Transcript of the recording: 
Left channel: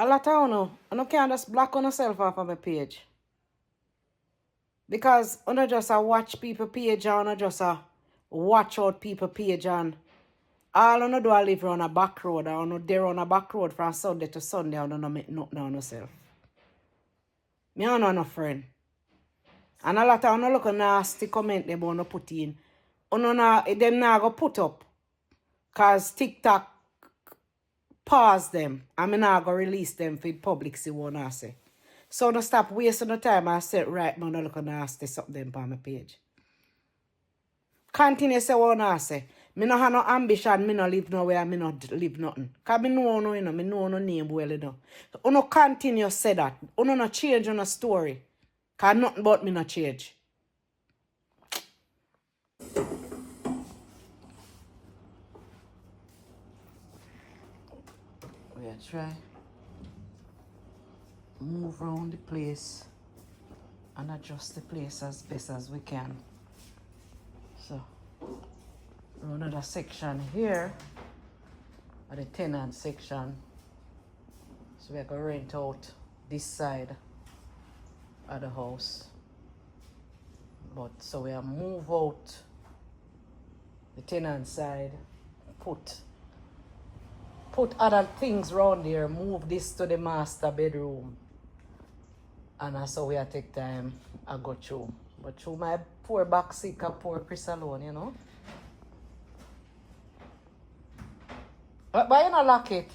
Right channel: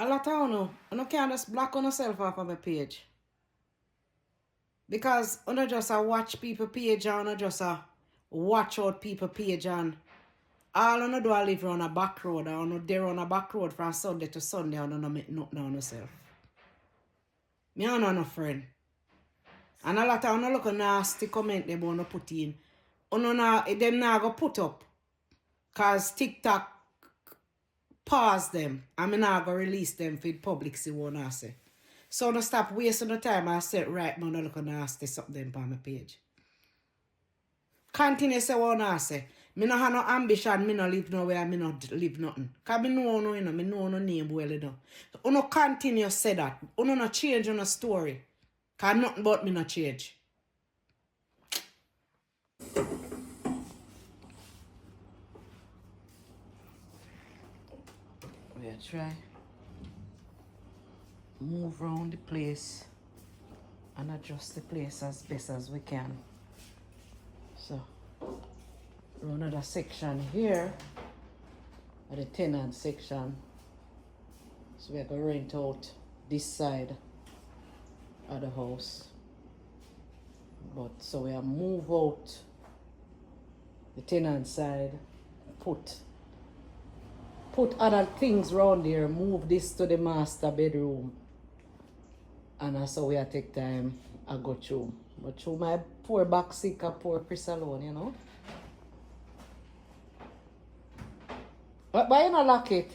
A lot of you can't just block on yourself off of my page. Because you just watch people page and you just watch out people page and all you do is live on a back road and you there on a back road from Sunday to Sunday and you don't make nothing on yourself. Me don't know no friend. And a lot of you look nasty comment they want to put in. Them not go put up. Cause TikTok pause them. And me not go release them for the public see what I say. So no stop wasting the time and say right now no look nasty something on my page. Continue say what I say. Me no have no ambition, me no live nowhere, me no live nothing. Cause me know no, me know no name well enough. So you no continue say that. You no change on a story. Cause nothing but me no change. We'll try move around the place and adjust the place as best as we can. So another section here, the tenant section. So we're gonna rent out this side of the house. But so we'll move out the tenant side, put other things around here, move this to the master bedroom. And that's how we take time I go through. But through my poor back sick, poor Chris alone, you know. But why you not lock it?